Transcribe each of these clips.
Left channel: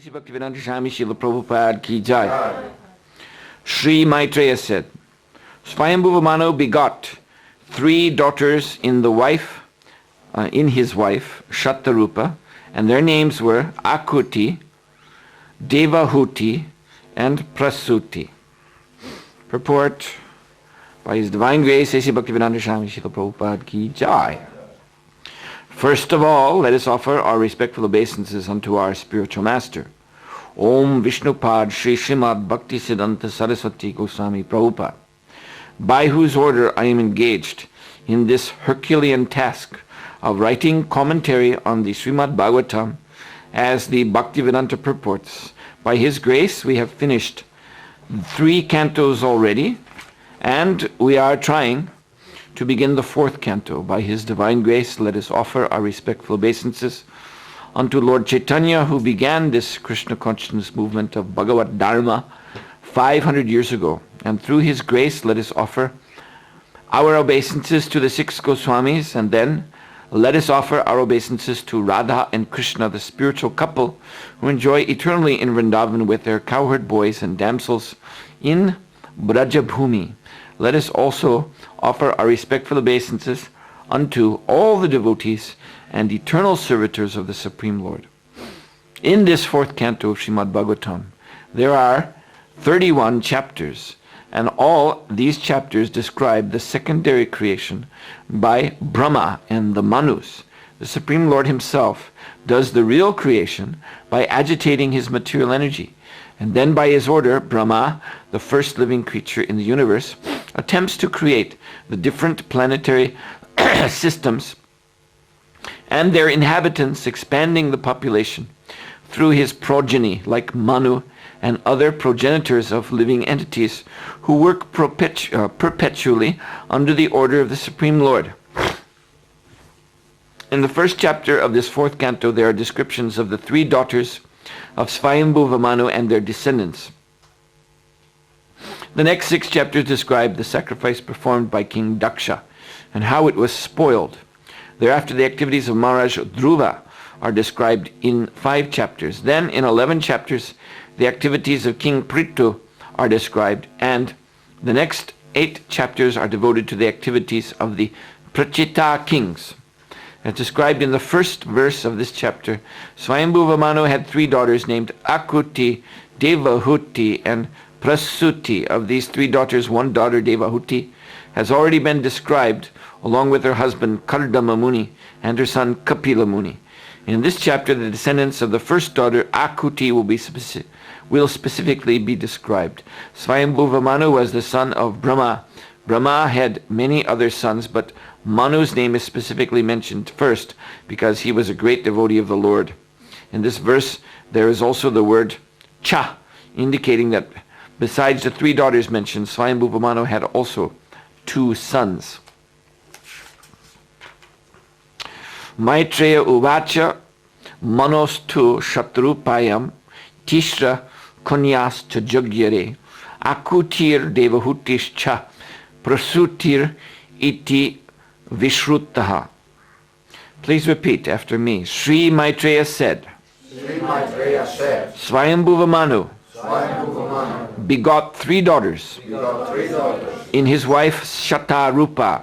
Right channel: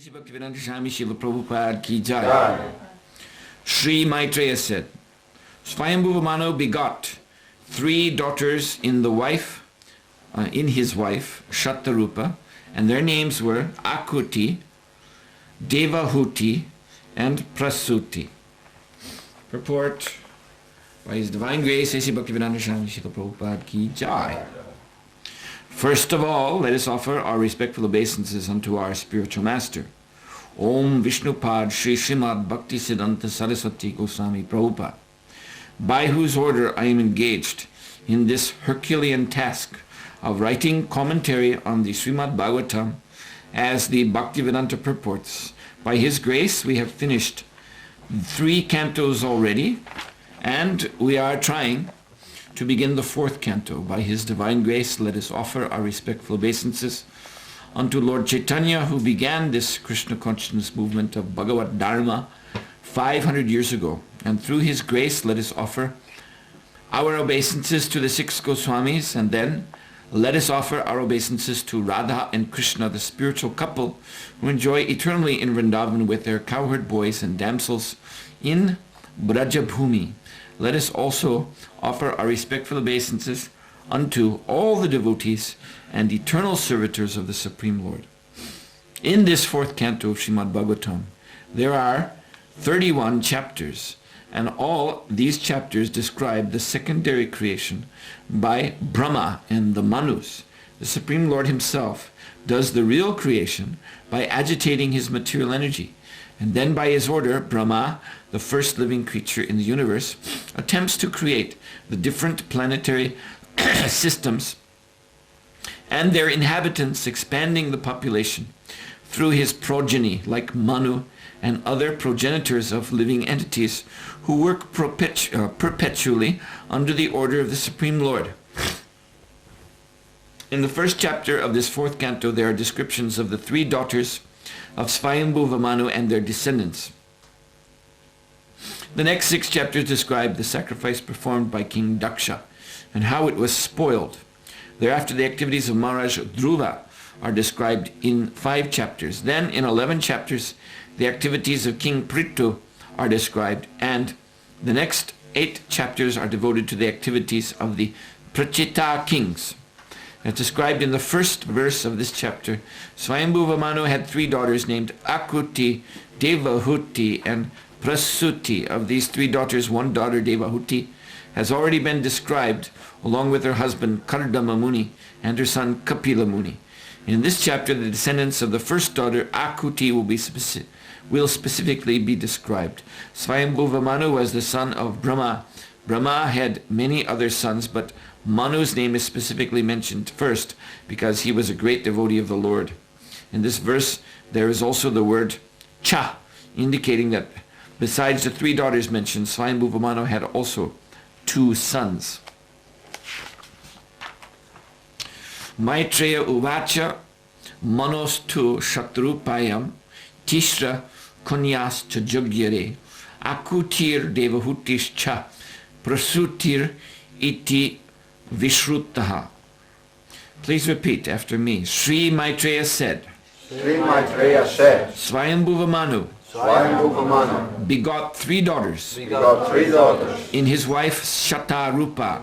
Sisi Bhaktivedanta Swami Srila Prabhupada ki jai. Sri Maitreya said, Swayambhuva Manu begot 3 daughters in his wife, Shatarupa, and their names were Akuti, Devahuti, and Prasuti. Purport by His Divine Grace, Sisi Bhaktivedanta Swami Srila Prabhupada ki jai. First of all, let us offer our respectful obeisances unto our spiritual master, Om Vishnupad Shri Srimad Bhakti Siddhanta Saraswati Goswami Prabhupada, by whose order I am engaged in this Herculean task of writing commentary on the Srimad Bhagavatam as the Bhaktivedanta purports. By his grace, we have finished 3 cantos already, and we are trying to begin the 4th canto. By his divine grace, let us offer our respectful obeisances unto Lord Chaitanya, who began this Krishna consciousness movement of Bhagavad Dharma 500 years ago. And through his grace, let us offer our obeisances to the 6 Goswamis, and then let us offer our obeisances to Radha and Krishna, the spiritual couple who enjoy eternally in Vrindavan with their cowherd boys and damsels in Brajabhumi. Let us also offer our respectful obeisances unto all the devotees and eternal servitors of the Supreme Lord. In this 4th canto of Srimad Bhagavatam, there are 31 chapters, and all these chapters describe the secondary creation by Brahma and the Manus. The Supreme Lord himself does the real creation by agitating his material energy. And then by his order, Brahma, the first living creature in the universe, attempts to create the different planetary systems and their inhabitants, expanding the population through his progeny like Manu and other progenitors of living entities who work perpetually under the order of the Supreme Lord. In the first chapter of this 4th canto, there are descriptions of the 3 daughters of Swayambhuva Manu and their descendants. The next 6 chapters describe the sacrifice performed by King Daksha and how it was spoiled. Thereafter, the activities of Maharaj Dhruva are described in 5 chapters. Then, in 11 chapters, the activities of King Prithu are described, and the next 8 chapters are devoted to the activities of the Prachita kings. As described in the first verse of this chapter, Swayambhuva Manu had 3 daughters named Akuti, Devahuti, and Prasuti. Of these 3 daughters, one daughter, Devahuti, has already been described along with her husband Kardama Muni and her son Kapila Muni. In this chapter, the descendants of the first daughter, Akuti, will specifically be described. Swayambhuva Manu was the son of Brahma. Brahma had many other sons, but Manu's name is specifically mentioned first because he was a great devotee of the Lord. In this verse, there is also the word cha, indicating that besides the 3 daughters mentioned, Swayambhuva Manu had also 2 sons. Maitreya uvacha manostu shatrupayam tishra konyas chajugyare akutir devahutis cha prasutir iti Vishruttaha. Please repeat after me. Sri Maitreya said, Swayambhuva Manu begot 3 daughters in his wife Shatarupa,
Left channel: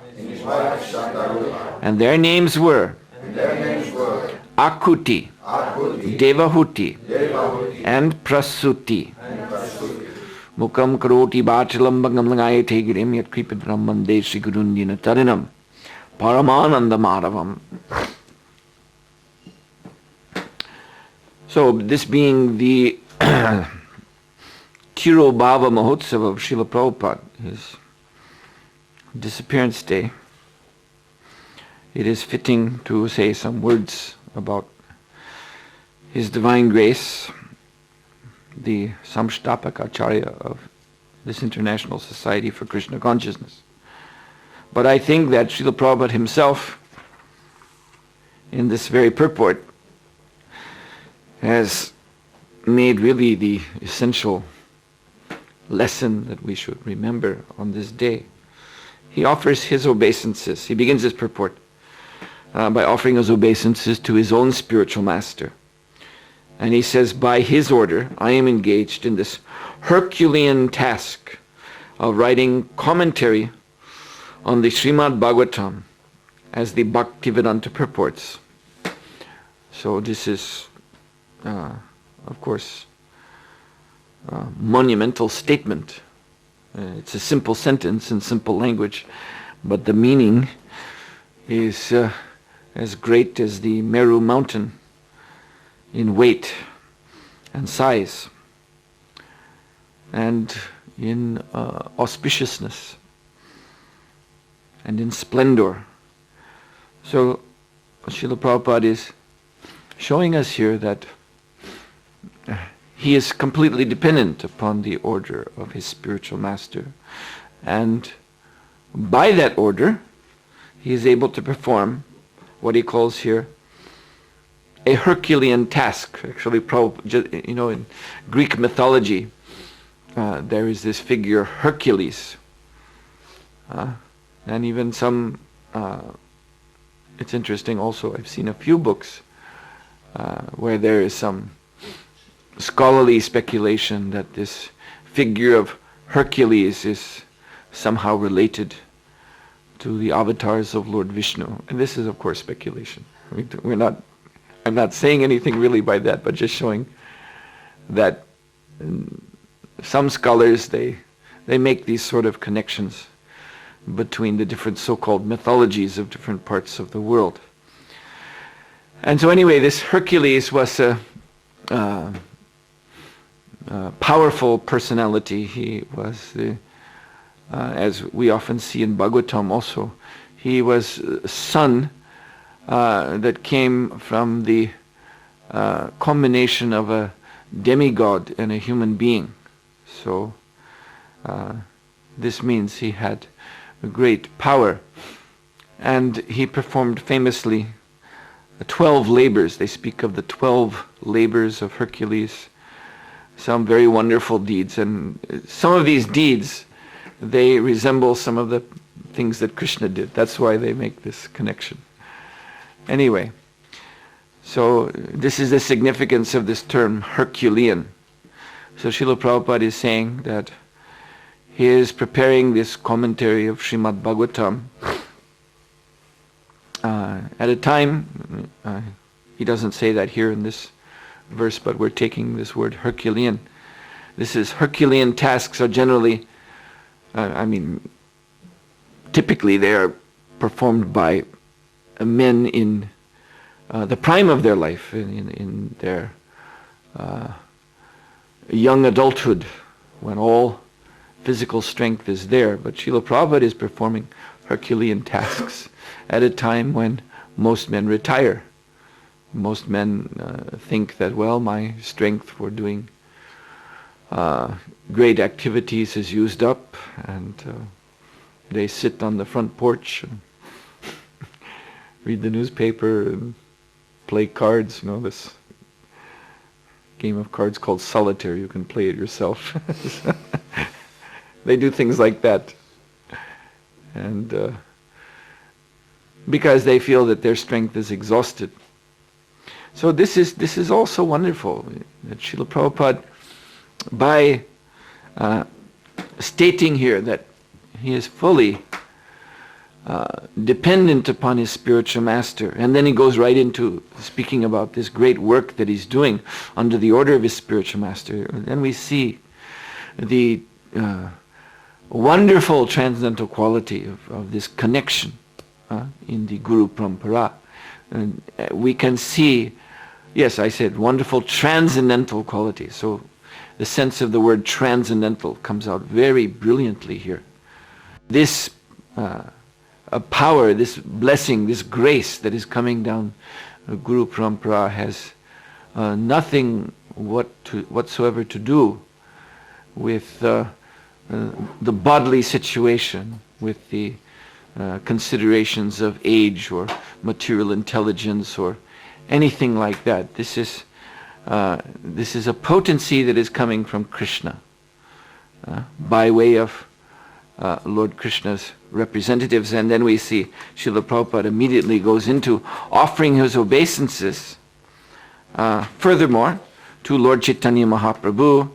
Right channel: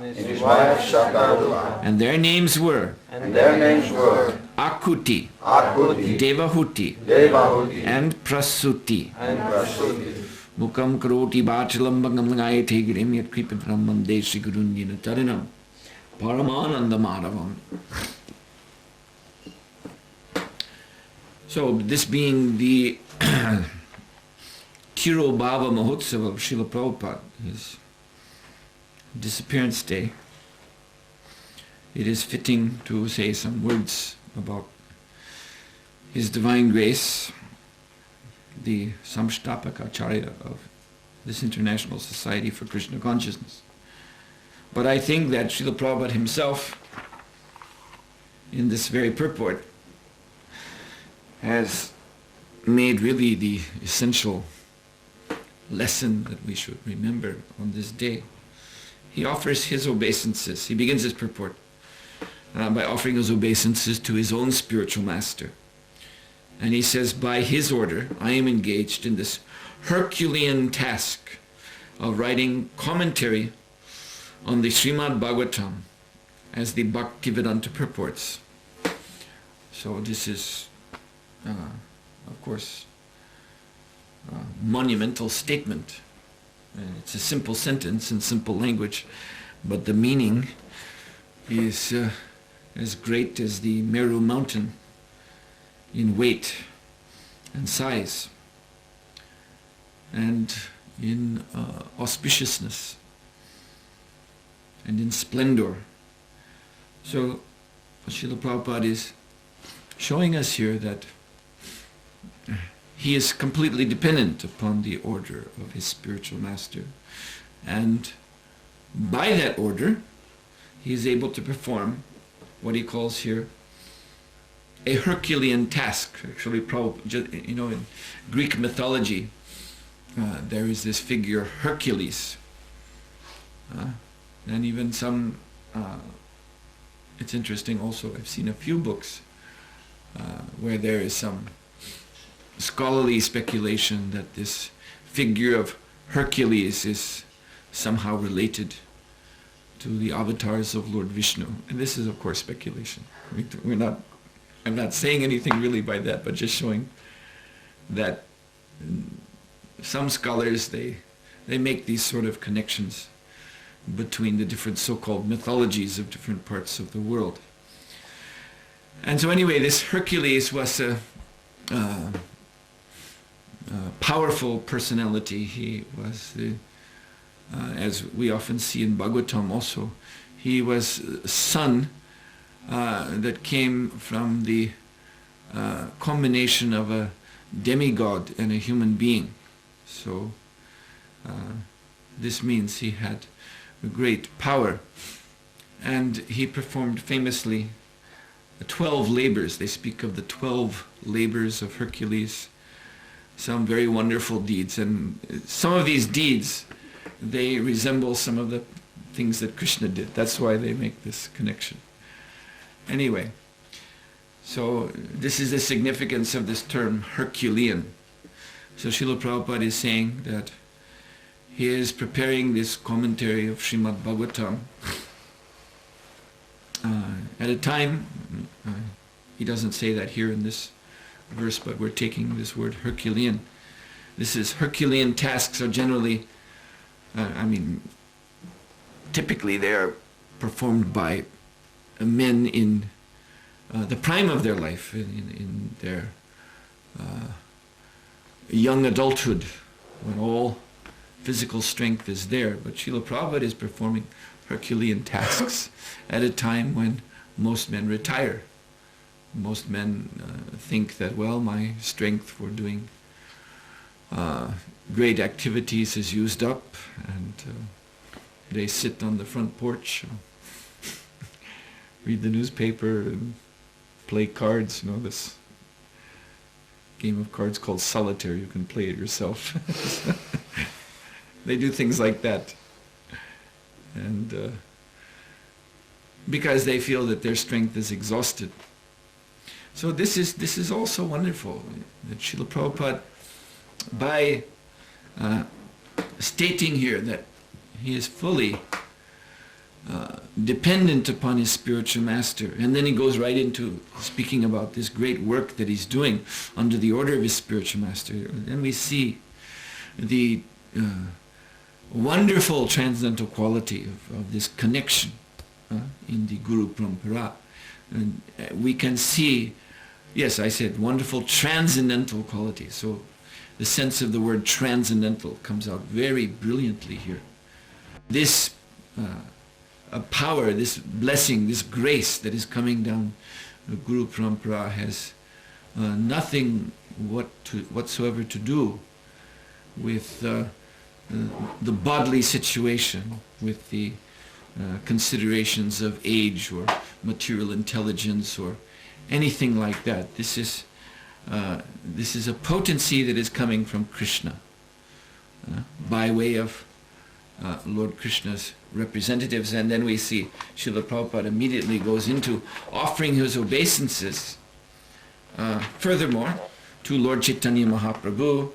and their names were Akuti, Devahuti, and Prasuti. Mukam karoti bhachalam bhagam langayate girim yat kripidram mande Sri Gurundina tarinam Paramananda Madhavam. So, this being the Tirobhava Mahotsav of Srila Prabhupada, his disappearance day, it is fitting to say some words about His Divine Grace, the Samstapaka Acharya of this International Society for Krishna Consciousness. But I think that Srila Prabhupada himself, in this very purport, has made really the essential lesson that we should remember on this day. He offers his obeisances. He begins his purport by offering his obeisances to his own spiritual master. And he says, by his order, I am engaged in this Herculean task of writing commentary on the Srimad Bhagavatam as the Bhaktivedanta purports. So this is, of course, a monumental statement. It's a simple sentence in simple language, but the meaning is as great as the Meru mountain in weight and size and in auspiciousness and in splendor. So Srila Prabhupada is showing us here that he is completely dependent upon the order of his spiritual master, and by that order he is able to perform what he calls here a Herculean task. Actually, in Greek mythology there is this figure Hercules, and even some it's interesting also, I've seen a few books where there is some scholarly speculation that this figure of Hercules is somehow related to the avatars of Lord Vishnu. And this is, of course, speculation. I'm not saying anything really by that, but just showing that some scholars, they make these sort of connections between the different so-called mythologies of different parts of the world. And so anyway, this Hercules was a powerful personality. He was, as we often see in Bhagavatam also, he was a son that came from the combination of a demigod and a human being. So this means he had a great power, and he performed famously 12 labors. They speak of the 12 labors of Hercules, some very wonderful deeds, and some of these deeds, they resemble some of the things that Krishna did. That's why they make this connection. Anyway, so this is the significance of this term Herculean. So Srila Prabhupada is saying that he is preparing this commentary of Srimad Bhagavatam at a time, he doesn't say that here in this verse, but we're taking this word Herculean. This is Herculean tasks are generally, typically they are performed by men in the prime of their life, in their young adulthood, when all physical strength is there. But Srila Prabhupada is performing Herculean tasks at a time when most men retire. Most men think that, well, my strength for doing great activities is used up, and they sit on the front porch and read the newspaper and play cards. This game of cards called solitaire. You can play it yourself. They do things like that, and because they feel that their strength is exhausted. So this is also wonderful that Srila Prabhupada, by stating here that he is fully dependent upon his spiritual master, and then he goes right into speaking about this great work that he's doing under the order of his spiritual master. Then we see the wonderful transcendental quality of this connection in the Guru Parampara. And we can see, yes, I said wonderful transcendental quality. So the sense of the word transcendental comes out very brilliantly here. This power, this blessing, this grace that is coming down Guru Parampara has nothing whatsoever to do with the bodily situation, with the considerations of age or material intelligence or anything like that. This is a potency that is coming from Krishna by way of Lord Krishna's representatives. And then we see Srila Prabhupada immediately goes into offering his obeisances. Furthermore, to Lord Chaitanya Mahaprabhu,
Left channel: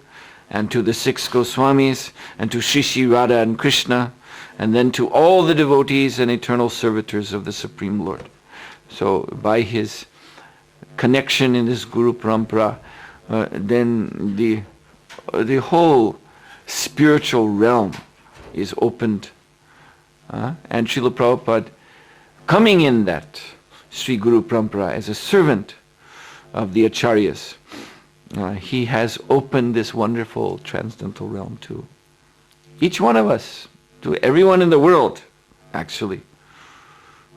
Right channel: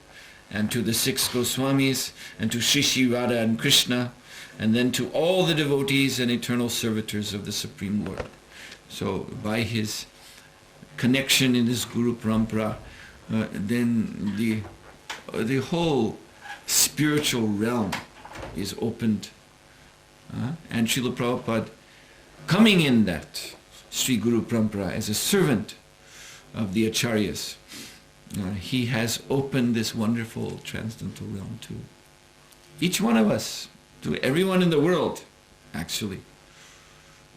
and to the 6 Goswamis, and to Shri Radha and Krishna, and then to all the devotees and eternal servitors of the Supreme Lord. So by his connection in this Guru Parampara, then the whole spiritual realm is opened. And Srila Prabhupada, coming in that Sri Guru Parampara as a servant of the Acharyas, he has opened this wonderful transcendental realm to each one of us, to everyone in the world, actually,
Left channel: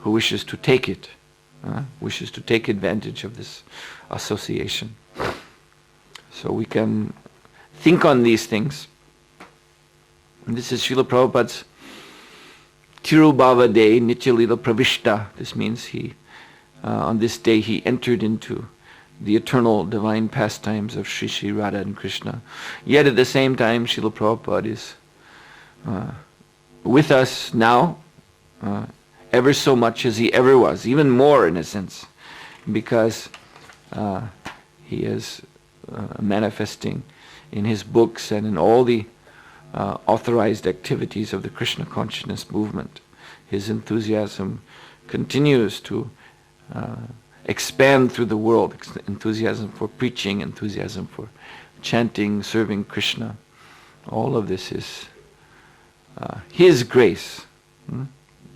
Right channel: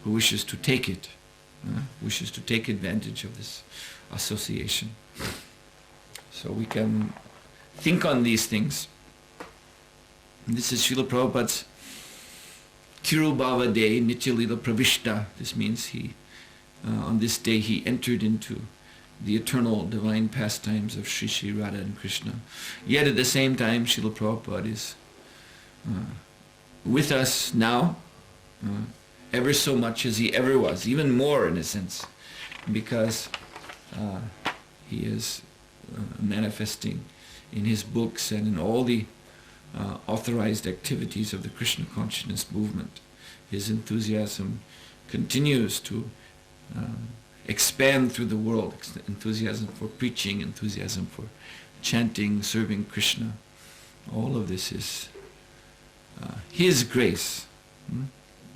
who wishes to take it, wishes to take advantage of this association. So we can think on these things. And this is Srila Prabhupada's Tirubhava Day, Nityalila Pravishta. This means on this day he entered into the eternal divine pastimes of Sri Sri Radha and Krishna. Yet at the same time, Srila Prabhupada is with us now, ever so much as he ever was, even more in a sense, because he is manifesting in his books and in all the authorized activities of the Krishna consciousness movement. His enthusiasm continues to expand through the world, enthusiasm for preaching, enthusiasm for chanting, serving Krishna. All of this is his grace.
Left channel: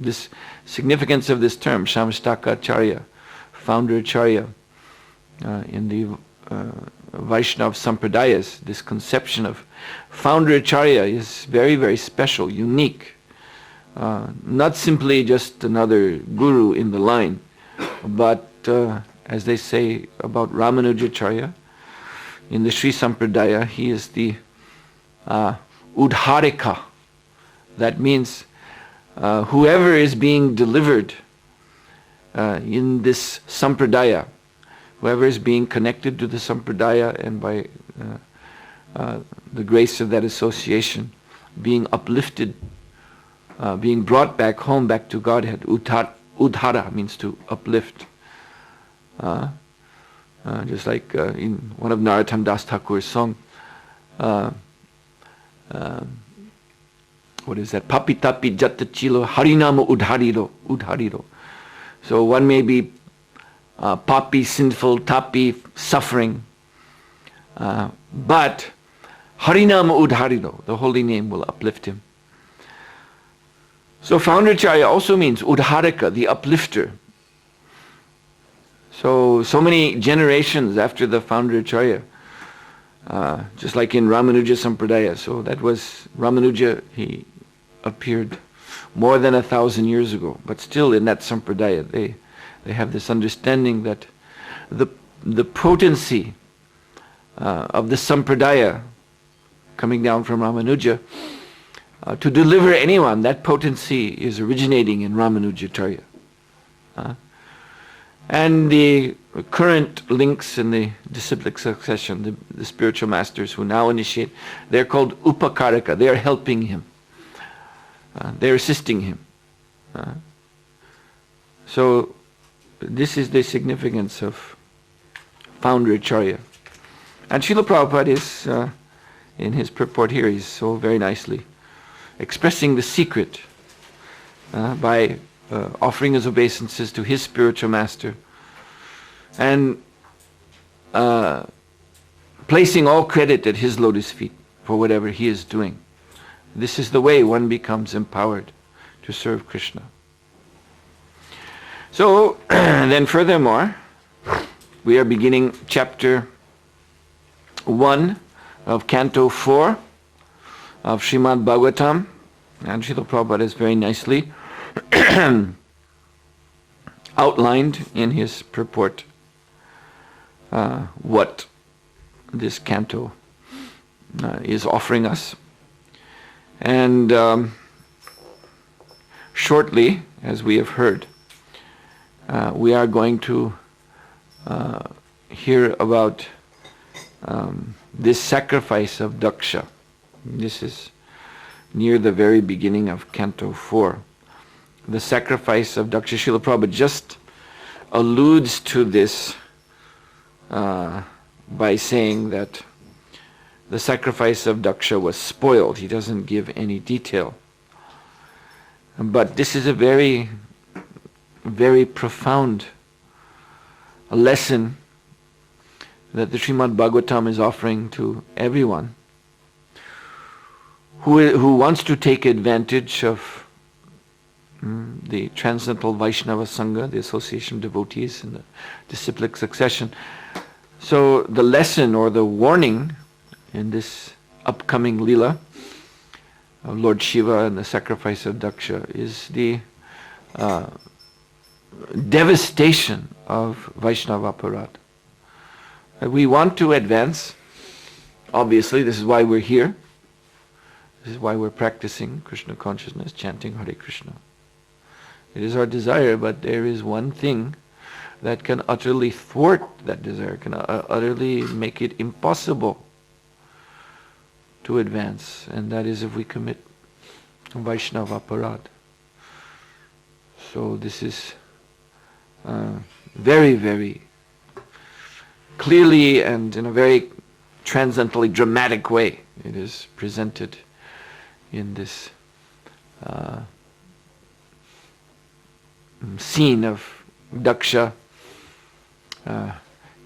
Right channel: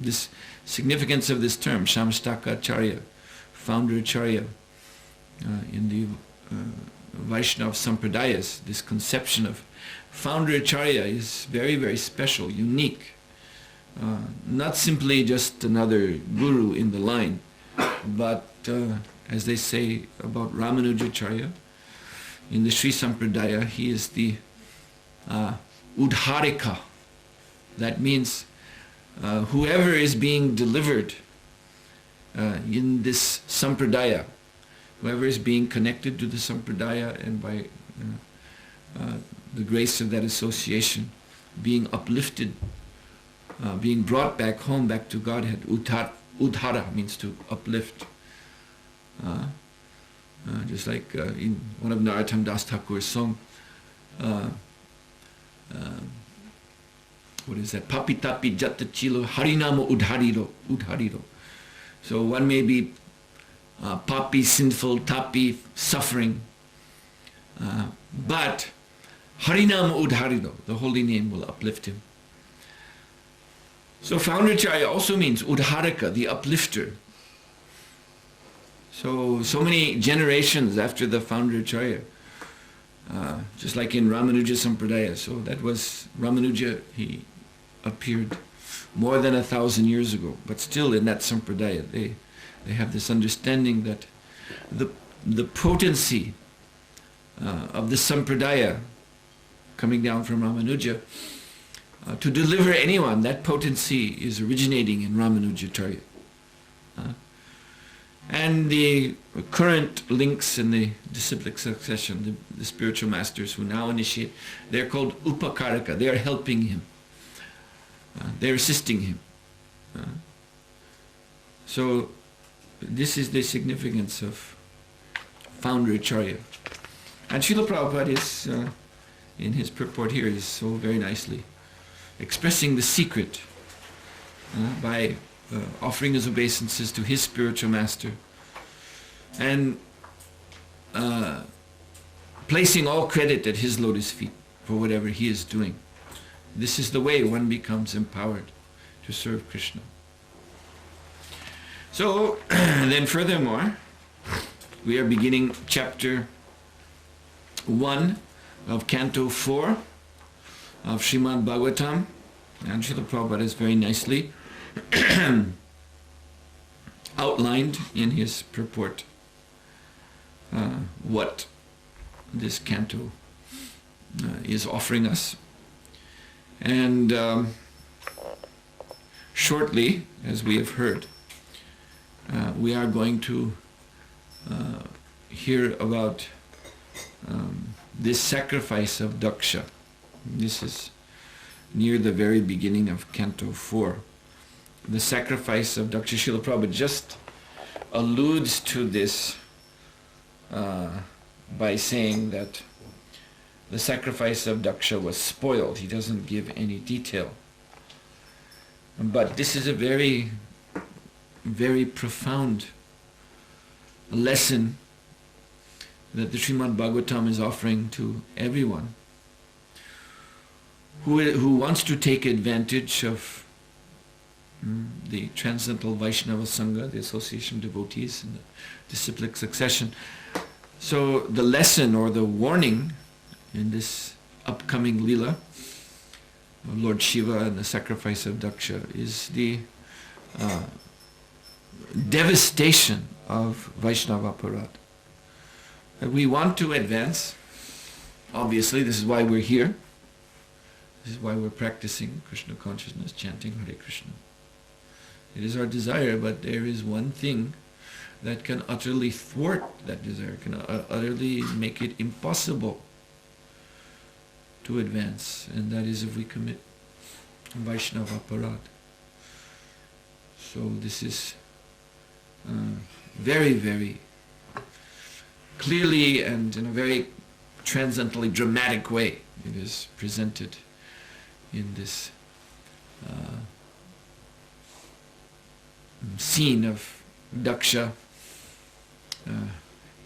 This significance of this term, Shamastaka Acharya, founder Acharya, in the Vaishnava Sampradayas, this conception of founder Acharya is very, very special, unique. Not simply just another guru in the line, but as they say about Ramanujacharya, in the Sri Sampradaya, he is the Udharika. That means whoever is being delivered in this Sampradaya, whoever is being connected to the Sampradaya and by the grace of that association, being uplifted, being brought back home, back to Godhead. Udhara means to uplift. Just like in one of Narottam Das Thakur's song, what is that? Papi tapi jattachilo harinama udhariro. So one may be papi, sinful, tapi, suffering, but harinama udhariro, the holy name will uplift him. So Founderacharya also means Udharika, the uplifter. So many generations after the Founderacharya, just like in Ramanuja Sampradaya. So that was Ramanuja, he appeared more than 1,000 years ago. But still in that Sampradaya, they have this understanding that the potency of the Sampradaya coming down from Ramanuja, to deliver anyone, that potency is originating in Ramanujacharya. And the current links in the disciplic succession, the spiritual masters who now initiate, they're called Upakarika. They're helping him. They're assisting him. So this is the significance of founder Acharya. And Srila Prabhupada is, in his purport here, he's so very nicely expressing the secret by offering his obeisances to his spiritual master and placing all credit at his lotus feet for whatever he is doing. This is the way one becomes empowered to serve Krishna. So then furthermore, we are beginning chapter 1 of Canto 4 of Srimad Bhagavatam, and Srila Prabhupada has very nicely outlined in his purport what this canto is offering us. And shortly, as we have heard, we are going to hear about this sacrifice of Daksha. This is near the very beginning of Canto 4. The sacrifice of Daksha. Srila Prabhupada just alludes to this by saying that the sacrifice of Daksha was spoiled. He doesn't give any detail. But this is a very, very profound lesson that the Srimad Bhagavatam is offering to everyone who wants to take advantage of the Transcendental Vaishnava Sangha, the association of devotees and the disciplic succession. So the lesson or the warning in this upcoming Leela of Lord Shiva and the sacrifice of Daksha is the devastation of Vaishnava Aparad. We want to advance. Obviously, this is why we're here. This is why we're practicing Krishna consciousness, chanting Hare Krishna. It is our desire, but there is one thing that can utterly thwart that desire, can utterly make it impossible to advance, and that is if we commit Vaishnava Aparad. So this is very, very clearly and in a very transcendentally dramatic way it is presented in this scene of Daksha.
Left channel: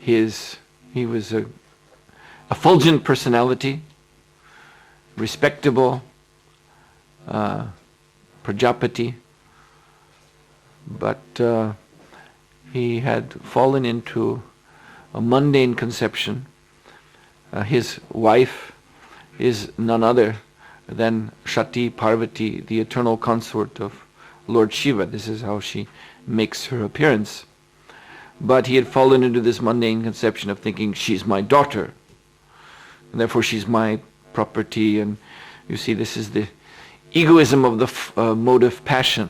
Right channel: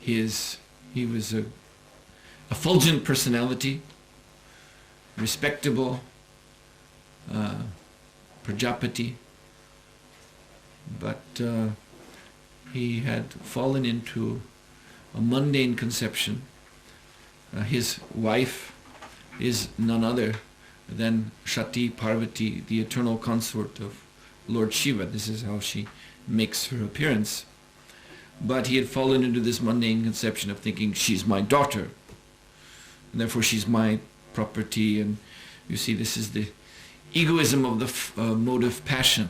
He was a fulgent personality, respectable Prajapati, but he had fallen into a mundane conception. His wife is none other than Shati Parvati, the eternal consort of Lord Shiva. This is how she makes her appearance. But he had fallen into this mundane conception of thinking, she's my daughter, and therefore she's my property. And you see, this is the egoism of the motive passion.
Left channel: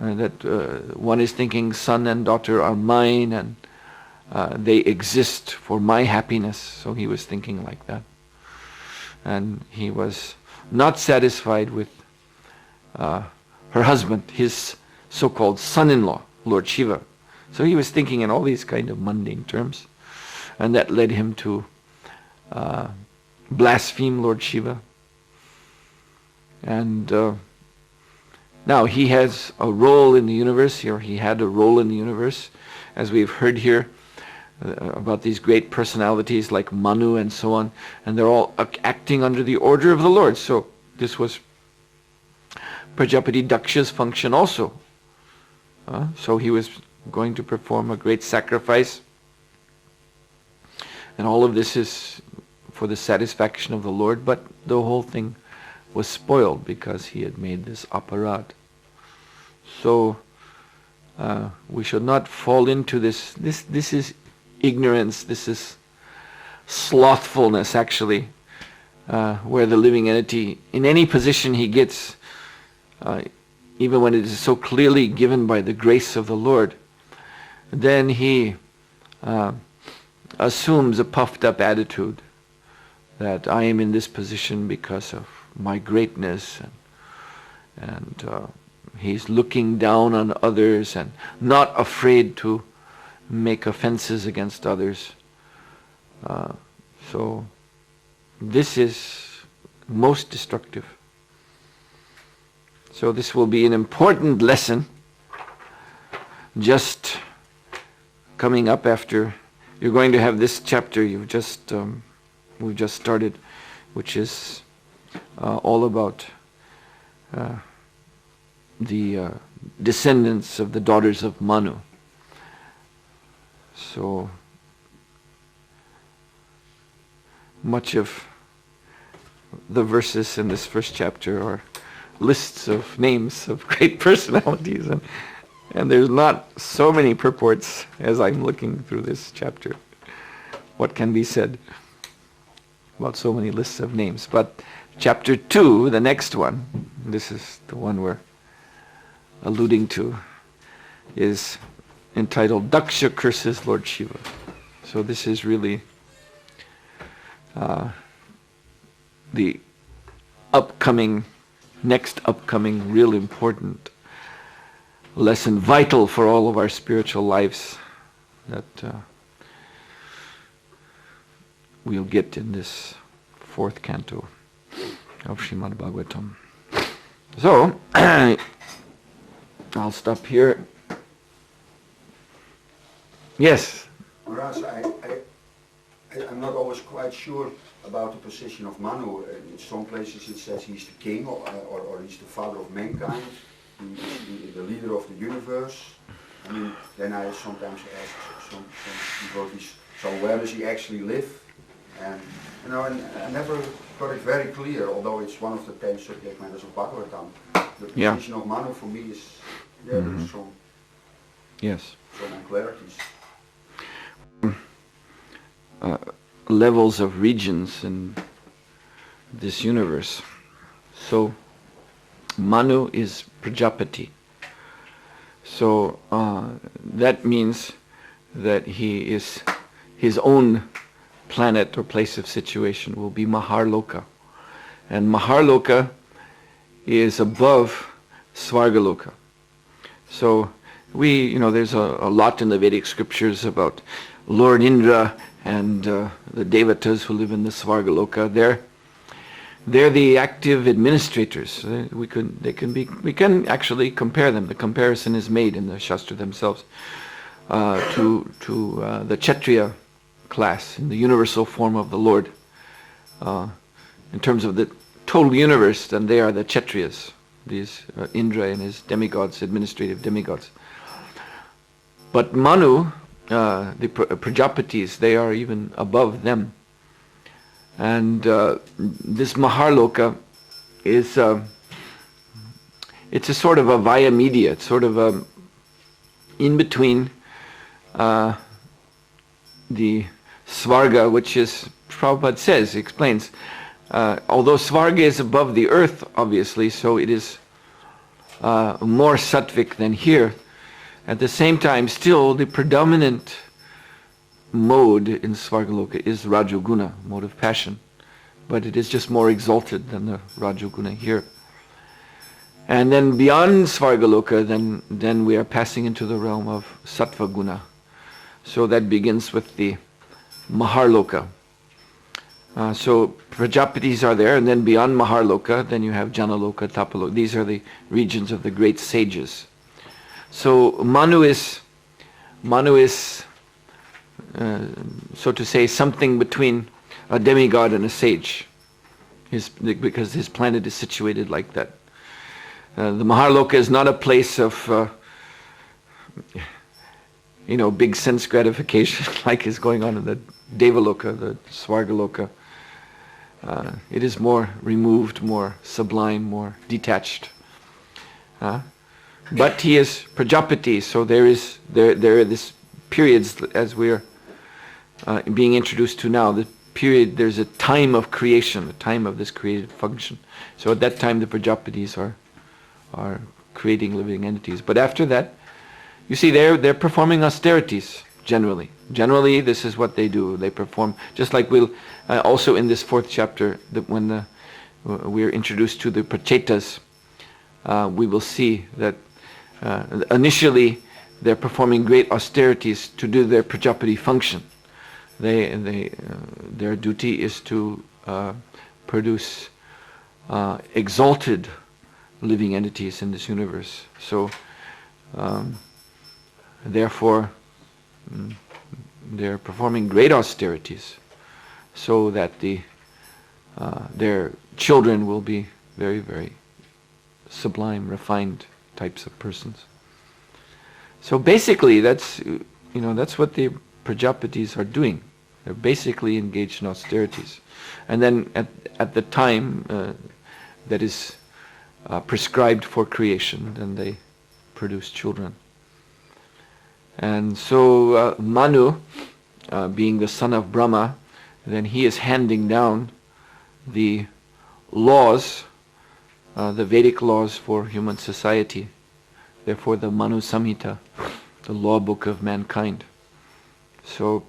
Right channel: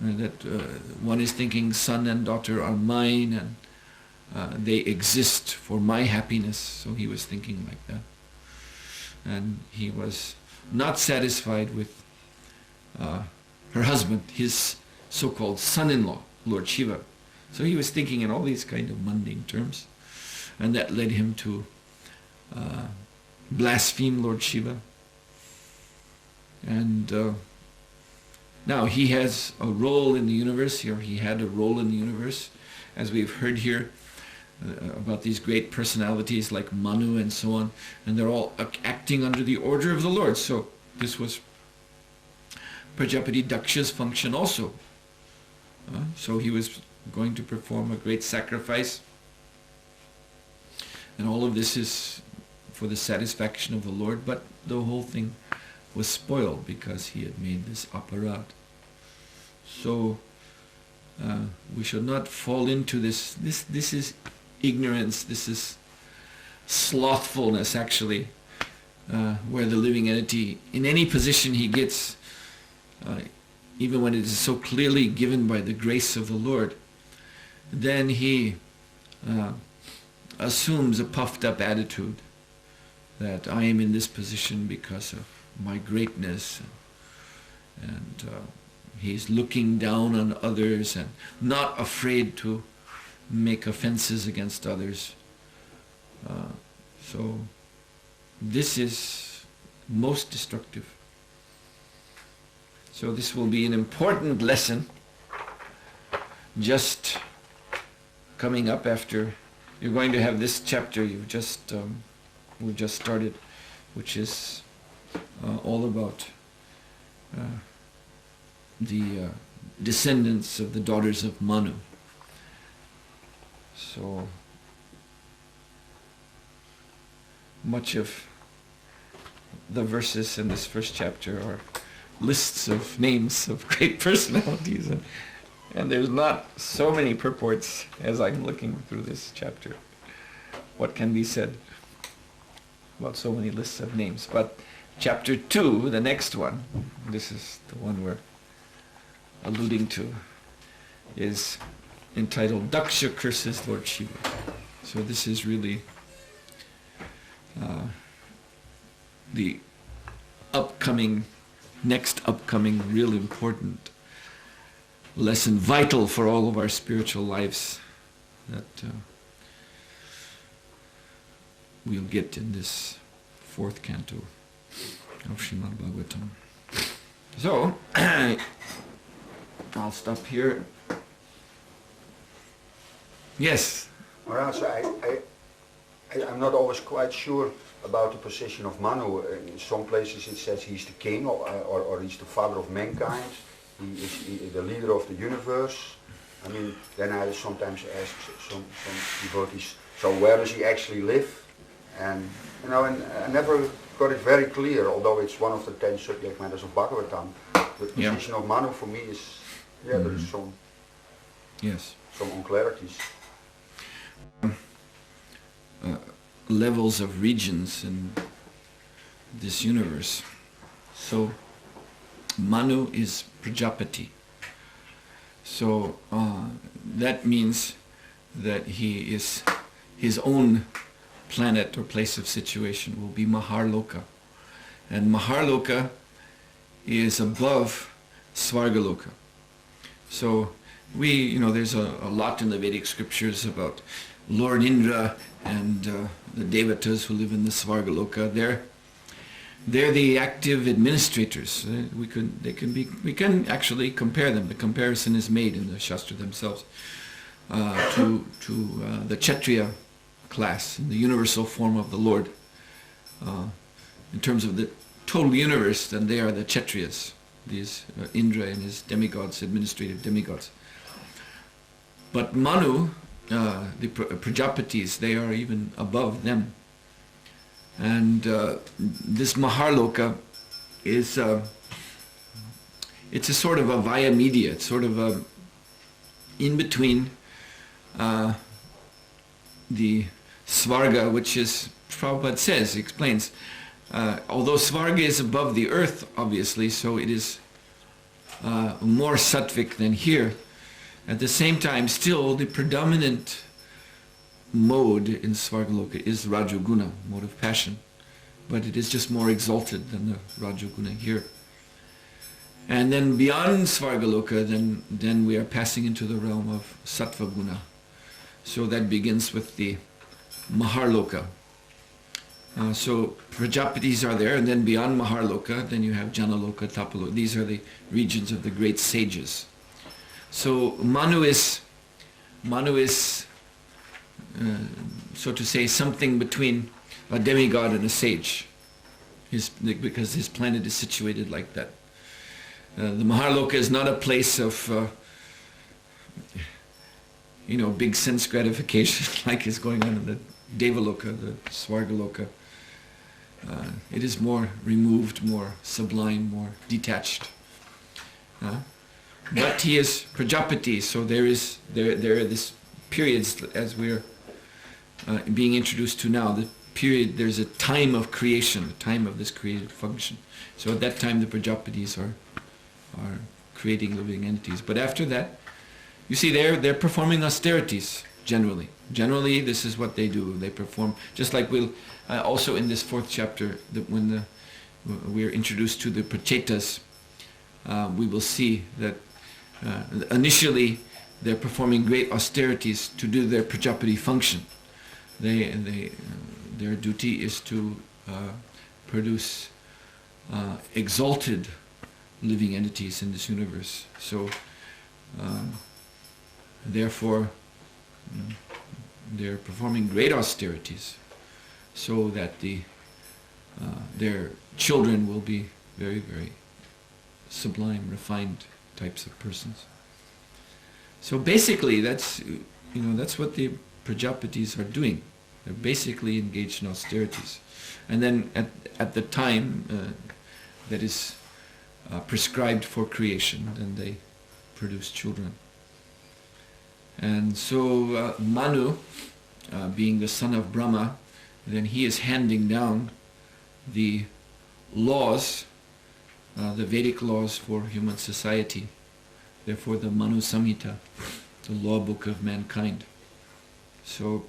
That one is thinking son and daughter are mine and they exist for my happiness. So he was thinking like that. And he was not satisfied with her husband, his so-called son-in-law, Lord Shiva. So he was thinking in all these kind of mundane terms. And that led him to blaspheme Lord Shiva. And now he has a role in the universe, or he had a role in the universe, as we've heard here about these great personalities like Manu and so on, and they're all acting under the order of the Lord. So this was Prajapati Daksha's function also. So he was going to perform a great sacrifice, and all of this is for the satisfaction of the Lord, but the whole thing was spoiled because he had made this aparad. So we should not fall into this. This is ignorance. This is slothfulness, actually, where the living entity, in any position he gets, even when it is so clearly given by the grace of the Lord, then he assumes a puffed up attitude that I am in this position because of my greatness, and he's looking down on others and not afraid to make offenses against others. So this is most destructive. So this will be an important lesson just coming up after. You're going to have this chapter we've just started, which is all about the descendants of the daughters of Manu. So much of the verses in this first chapter are lists of names of great personalities, and there's not so many purports as I'm looking through this chapter. What can be said about so many lists of names? But chapter 2, the next one, this is the one we're alluding to, is entitled Daksha Curses Lord Shiva. So this is really the next upcoming real important lesson, vital for all of our spiritual lives, that we'll get in this 4th canto of Srimad Bhagavatam. So, I'll stop here. Yes? Well, so I'm not always quite sure about the position of Manu. In some places it says he's the king or he's the father of mankind. He is the leader of the universe. I mean, then I sometimes ask some devotees, so where does he actually live? And and I never got it very clear, although it's one of the 10 subject matters of Bhagavatam. The position of Manu for me is, there's some unclarities. Levels of regions in this universe. So, Manu is Prajapati. So, that means that he is, his own planet or place of situation will be Maharloka. And Maharloka is above Svargaloka. So, there's a lot in the Vedic scriptures about Lord Indra and the Devatas who live in the Svargaloka. They're the active administrators. We can actually compare them. The comparison is made in the Shastra themselves to the Kshatriya class in the universal form of the Lord. In terms of the total universe, then they are the Kshatriyas, these Indra and his demigods, administrative demigods. But Manu, the Prajapatis, they are even above them. And this Maharloka is, it's a sort of a via media, it's sort of a in between the Svarga, which is, Prabhupada says, he explains, although Svarga is above the earth, obviously, so it is more sattvic than here. At the same time, still, the predominant mode in Svargaloka is Rajoguna, mode of passion. But it is just more exalted than the Rajoguna here. And then beyond Svargaloka, then we are passing into the realm of Sattva Guna. So that begins with the Maharloka. So Prajapatis are there, and then beyond Maharloka, then you have Janaloka, Tapaloka. These are the regions of the great sages. So Manu is, so to say, something between a demigod and a sage, because his planet is situated like that. The Maharloka is not a place of, big sense gratification like is going on in the Devaloka, the Svargaloka. It is more removed, more sublime, more detached. But he is Prajapati, so there are these periods, as we are being introduced to now, there's a time of creation, a time of this creative function. So at that time the Prajapatis are creating living entities. But after that, you see, they're performing austerities, generally. Generally, this is what they do. They perform, just like we'll, also in this 4th chapter, when we're introduced to the Prachetas, we will see that initially they're performing great austerities to do their Prajapati function. Their duty is to produce exalted living entities in this universe. So, therefore, they're performing great austerities so that their children will be very, very sublime, refined types of persons. So basically, that's what the Prajapatis are doing. They're basically engaged in austerities, and then at the time that is prescribed for creation, then they produce children. And so Manu, being the son of Brahma, then he is handing down the laws, the Vedic laws for human society. Therefore the Manu Samhita, the law book of mankind. So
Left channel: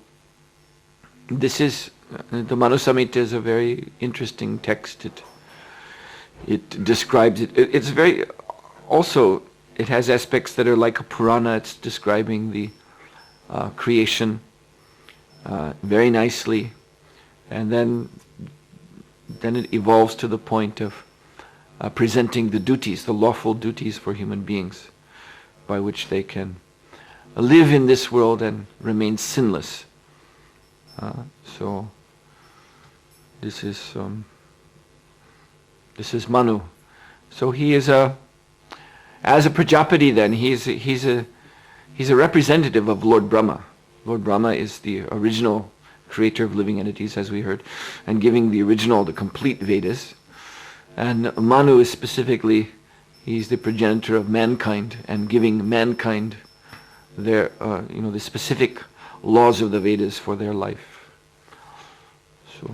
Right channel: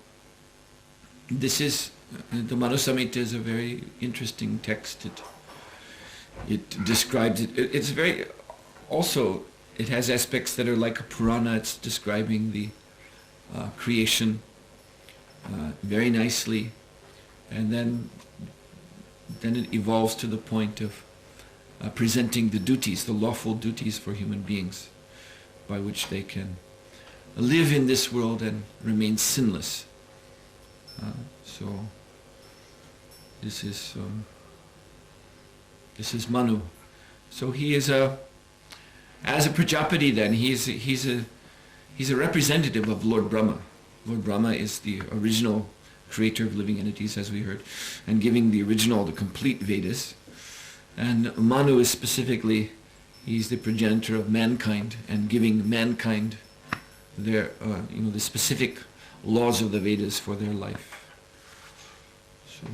this is, the Manu Samhita is a very interesting text. It describes it. It's very, also, it has aspects that are like a Purana. It's describing the creation very nicely. And then it evolves to the point of presenting the duties, the lawful duties for human beings, by which they can live in this world and remain sinless. So this is Manu. So he is as a Prajapati. Then he's a representative of Lord Brahma. Lord Brahma is the original creator of living entities, as we heard, and giving the complete Vedas. And Manu is specifically, he's the progenitor of mankind and giving mankind their, the specific laws of the Vedas for their life. So.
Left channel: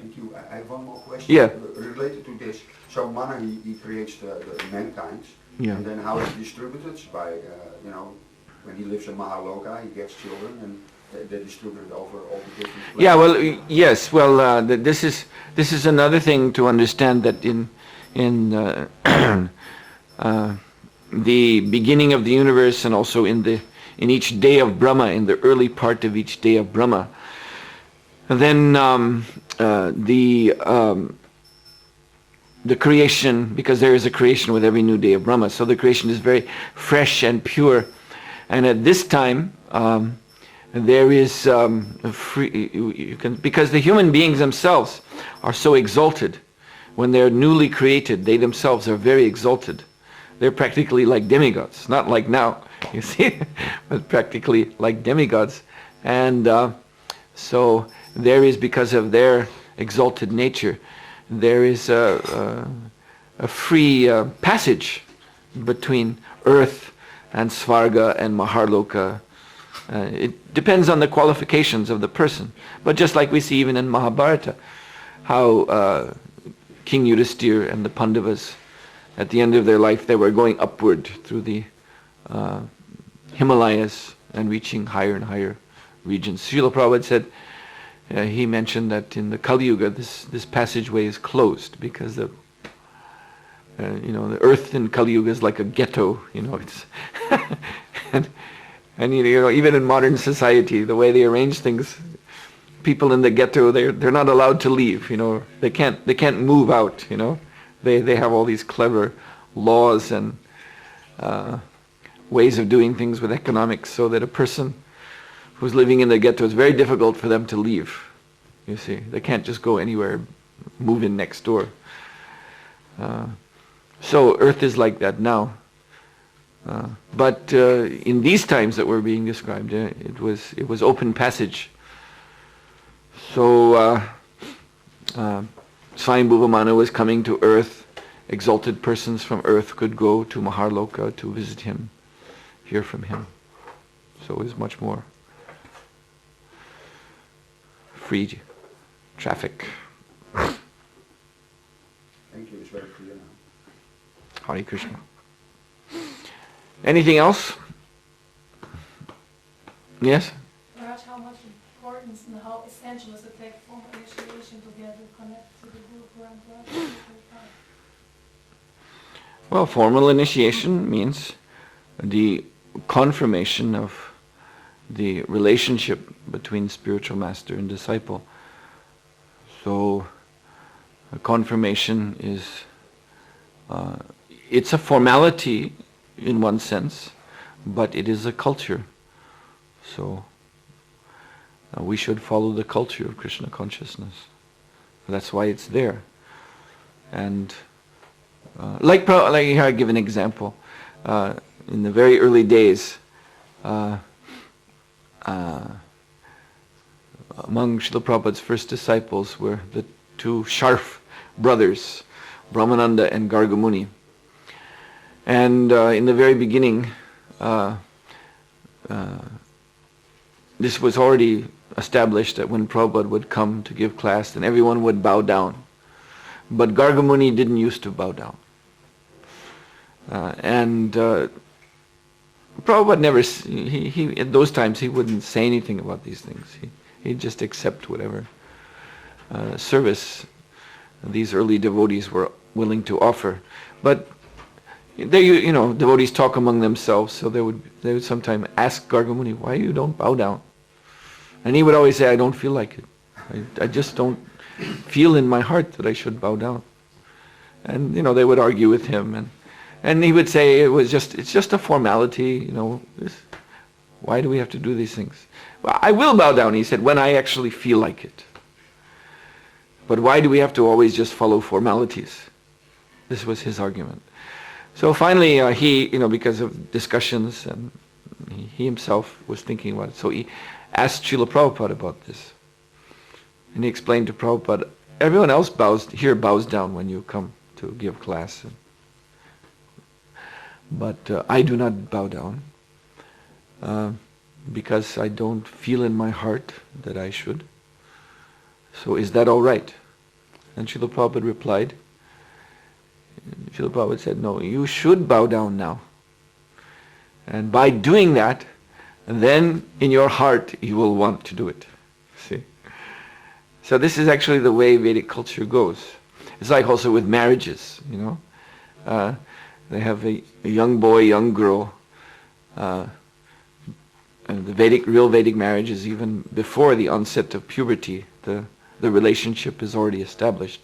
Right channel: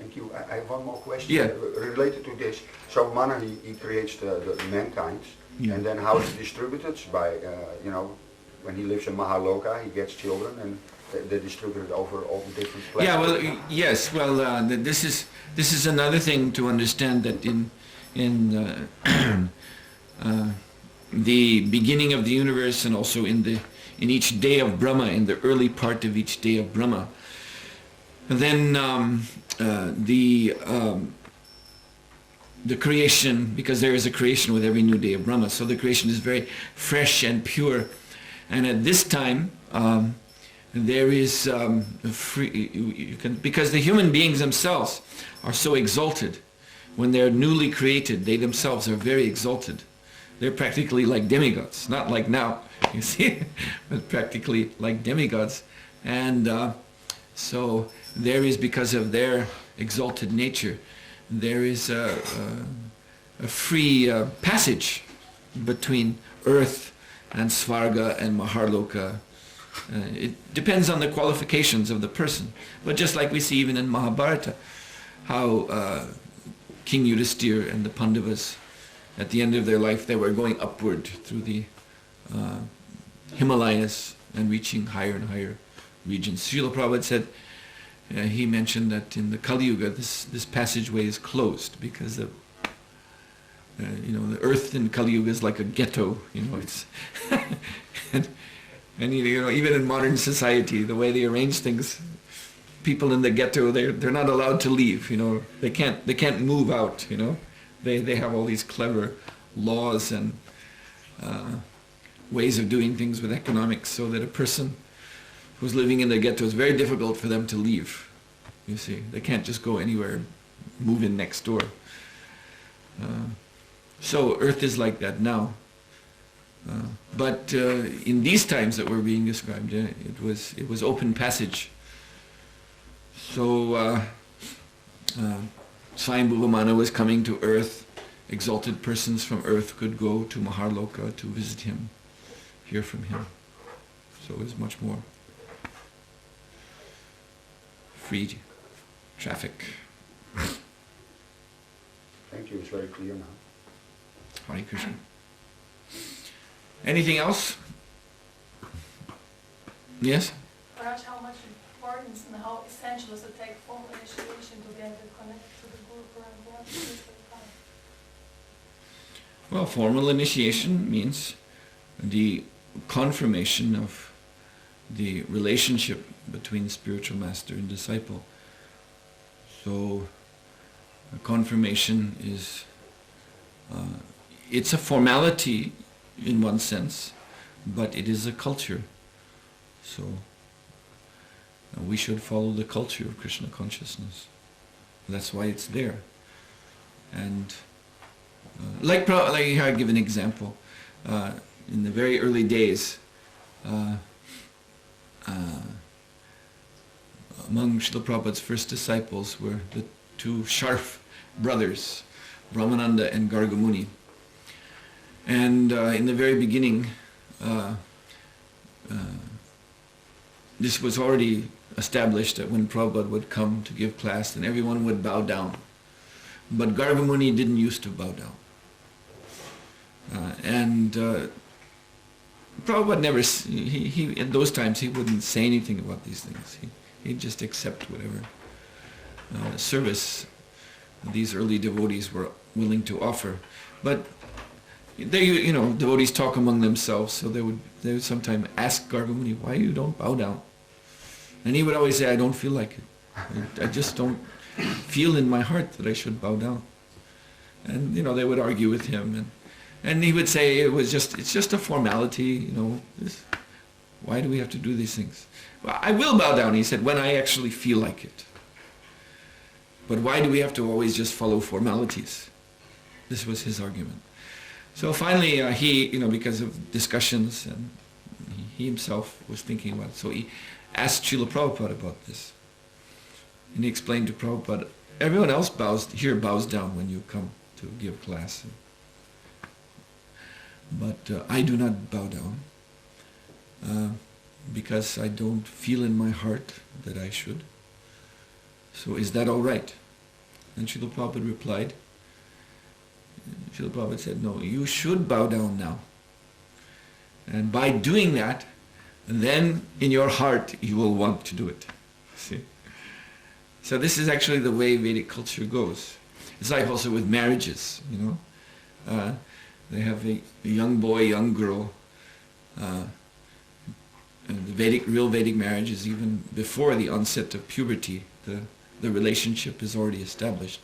Thank you. I have one more question. Yeah. Related to this. So Manu, he creates the mankind, yeah. And then how is it distributed? By, when he lives in Mahaloka, he gets children and they distribute it over all the different planets. Yeah, well, yes, well, this is another thing to understand, that in the beginning of the universe, and also in each day of Brahma, in the early part of each day of Brahma, then the creation, because there is a creation with every new day of Brahma, so the creation is very fresh and pure, and at this time there is because the human beings themselves are so exalted. When they're newly created, they themselves are very exalted. They're practically like demigods, not like now, you see, but practically like demigods. And so there is, because of their exalted nature, there is a free passage between earth and Svarga and Maharloka. It depends on the qualifications of the person. But just like we see even in Mahabharata, how King Yudhisthira and the Pandavas, at the end of their life, they were going upward through the Himalayas and reaching higher and higher regions. Srila Prabhupada said, he mentioned that in the Kali Yuga, this passageway is closed because the earth in Kali Yuga is like a ghetto. It's and even in modern society, the way they arrange things, people in the ghetto, they're not allowed to leave. They can't move out. They have all these clever laws and ways of doing things with economics, so that a person who's living in the ghetto, is very difficult for them to leave. You see, they can't just go anywhere, move in next door. So Earth is like that now. But in these times that were being described, it was open passage. So Swayambhuva Manu was coming to Earth. Exalted persons from Earth could go to Maharloka to visit him, hear from him. So it was much more free traffic. Thank you, it's very clear now. Hare Krishna. Anything else? Yes? Maharaj, how much importance and how essential is to take formal initiation to get connected to the Guru Parampara? Well, formal initiation means the confirmation of the relationship between spiritual master and disciple. So, a confirmation is, it's a formality in one sense, but it is a culture. So, we should follow the culture of Krishna consciousness. That's why it's there. And like here I give an example. In the very early days, among Srila Prabhupada's first disciples were the two Sharf brothers, Brahmananda and Gargamuni. And in the very beginning, this was already established that when Prabhupada would come to give class, then everyone would bow down. But Gargamuni didn't used to bow down. And Prabhupada never, he at those times, he wouldn't say anything about these things. He'd just accept whatever service these early devotees were willing to offer. But they, devotees talk among themselves, so they would sometimes ask Gargamuni, why you don't bow down? And he would always say, I don't feel like it. I just don't feel in my heart that I should bow down. And, they would argue with him, and he would say it's just a formality, why do we have to do these things? Well, I will bow down, he said, when I actually feel like it. But why do we have to always just follow formalities? This was his argument. So finally, he, because of discussions, and he himself was thinking about it, so he asked Srila Prabhupada about this. And he explained to Prabhupada, everyone else bows down when you come to give class. But I do not bow down because I don't feel in my heart that I should. So is that all right? And Srila Prabhupada replied, Srila Prabhupada said, no, you should bow down now. And by doing that, then in your heart you will want to do it. See? So this is actually the way Vedic culture goes. It's like also with marriages, they have a young boy, young girl, and the real Vedic marriage is even before the onset of puberty. The relationship is already established.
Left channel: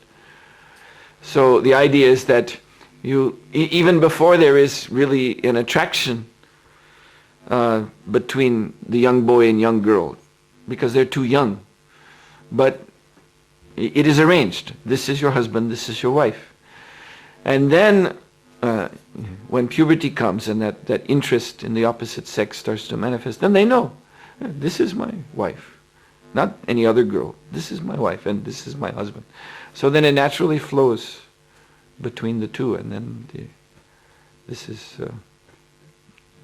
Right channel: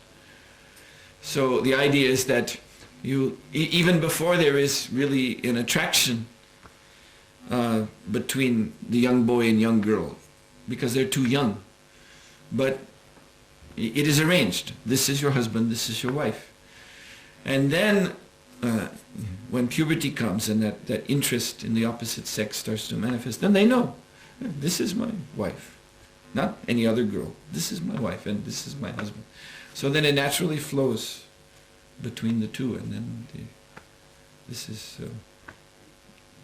So the idea is that even before there is really an attraction between the young boy and young girl, because they're too young, but it is arranged. This is your husband, this is your wife. And then when puberty comes and that interest in the opposite sex starts to manifest, then they know, this is my wife, not any other girl. This is my wife and this is my husband. So then it naturally flows between the two, and then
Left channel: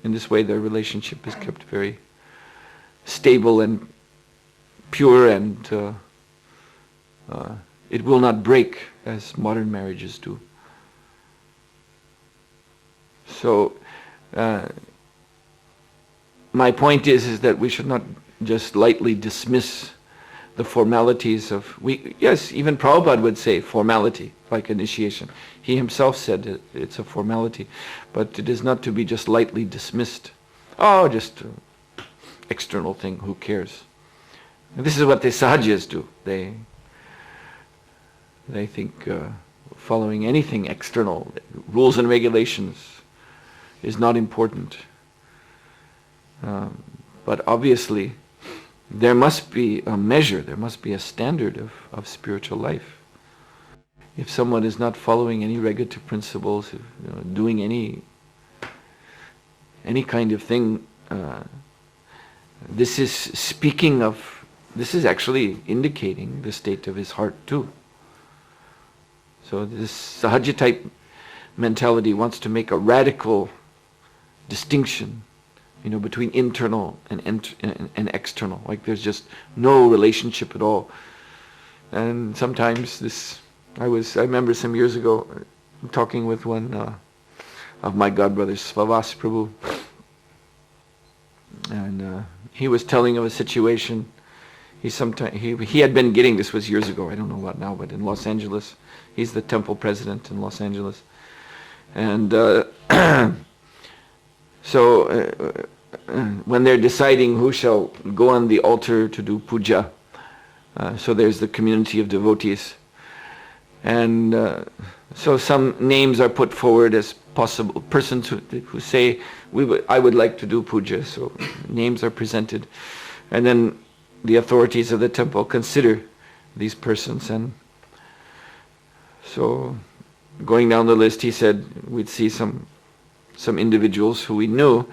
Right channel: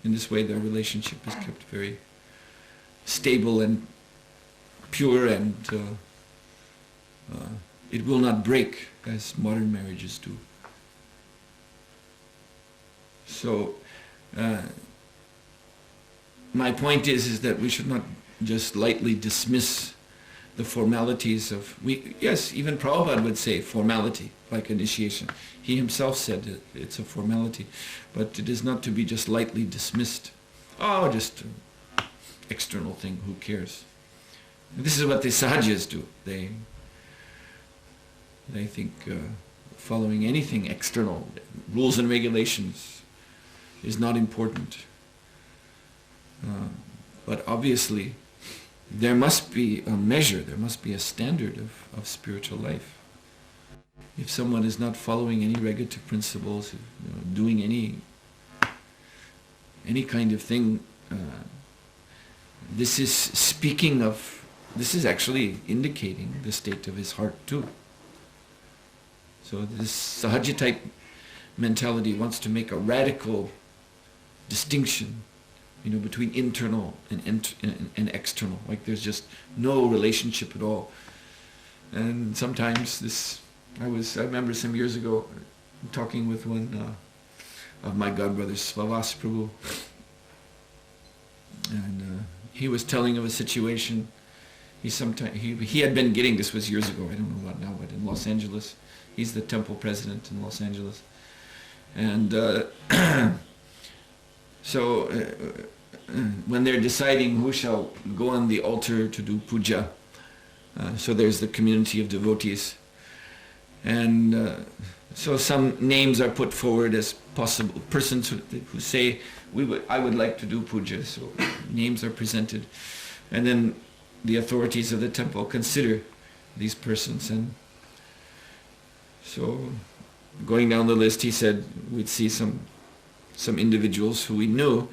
in this way their relationship is kept very stable and pure, and it will not break as modern marriages do. So my point is that we should not just lightly dismiss the formalities of, yes, even Prabhupada would say formality, like initiation. He himself said it's a formality, but it is not to be just lightly dismissed. Oh, just an external thing, who cares? And this is what the sahajas do. They think following anything external, rules and regulations, is not important. But obviously, there must be a measure, there must be a standard of spiritual life. If someone is not following any regulative principles, doing any kind of thing, this is actually indicating the state of his heart too. So this sahaja type mentality wants to make a radical distinction, between internal and external. Like there's just no relationship at all. And sometimes I remember some years ago talking with one of my godbrothers, Svavas Prabhu, and he was telling of a situation. He had been getting, this was years ago, I don't know what now, but in Los Angeles, he's the temple president in Los Angeles, and so when they're deciding who shall go on the altar to do puja, so there's the community of devotees, and so some names are put forward as possible persons who say, I would like to do puja, so names are presented, and then the authorities of the temple consider these persons. And so going down the list, he said we'd see some individuals who we knew,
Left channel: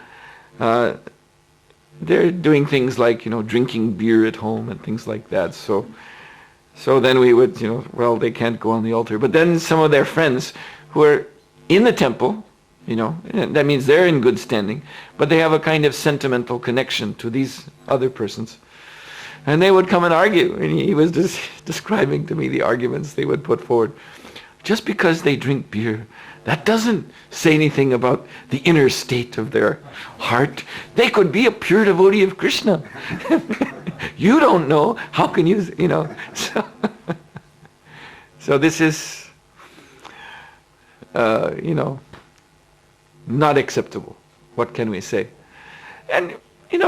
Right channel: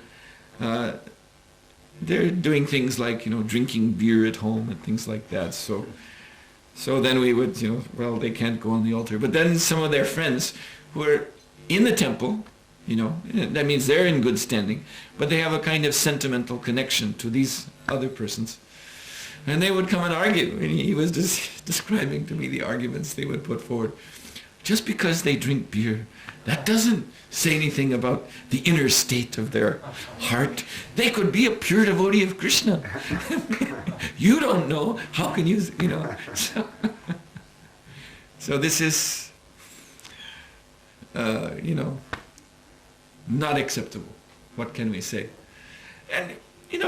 they're doing things like, drinking beer at home and things like that. So then we would, well, they can't go on the altar. But then some of their friends who are in the temple, that means they're in good standing, but they have a kind of sentimental connection to these other persons. And they would come and argue, and he was just describing to me the arguments they would put forward. Just because they drink beer, that doesn't say anything about the inner state of their heart. They could be a pure devotee of Krishna. You don't know. How can you, So this is, not acceptable. What can we say? And,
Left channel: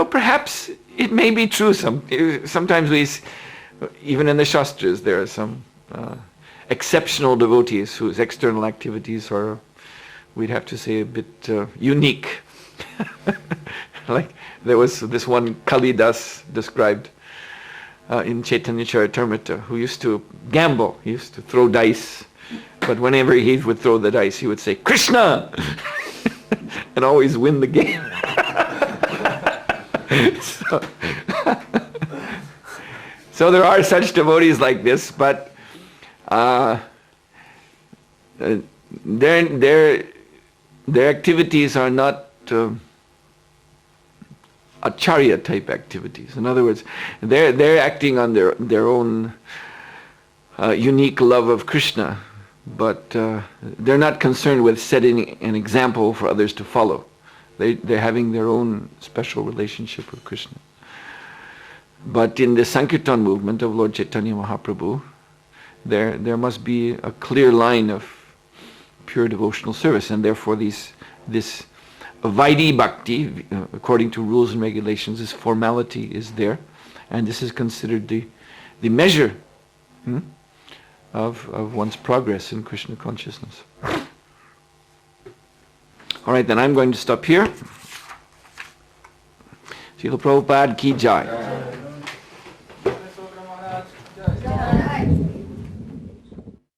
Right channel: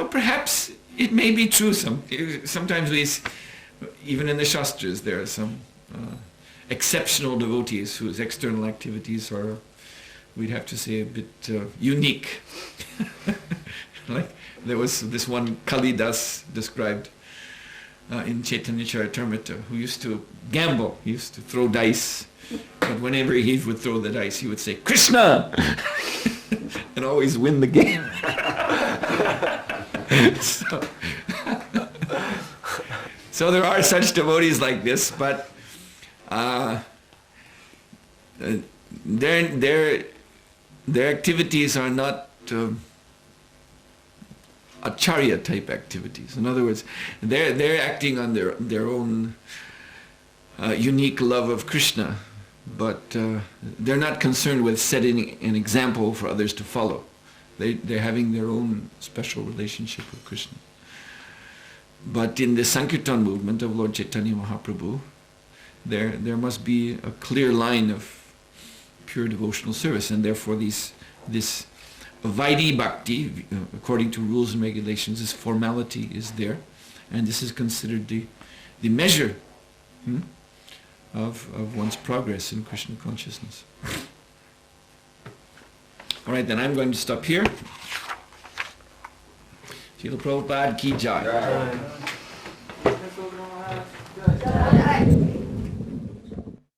perhaps it may be true. Sometimes even in the Shastras there are some exceptional devotees whose external activities are, we'd have to say, a bit unique. Like there was this one Kalidas described in Chaitanya Charitamrita who used to gamble, he used to throw dice, but whenever he would throw the dice he would say, Krishna! And always win the game. So there are such devotees like this, but their activities are not acharya type activities. In other words, they're acting on their own unique love of Krishna, but they're not concerned with setting an example for others to follow. They're having their own special relationship with Krishna. But in the Sankirtan movement of Lord Chaitanya Mahaprabhu, there must be a clear line of pure devotional service, and therefore this Vaidhi Bhakti, according to rules and regulations, this formality is there, and this is considered the measure of one's progress in Krishna consciousness. All right, then I'm going to stop here. Srila Prabhupada ki jai.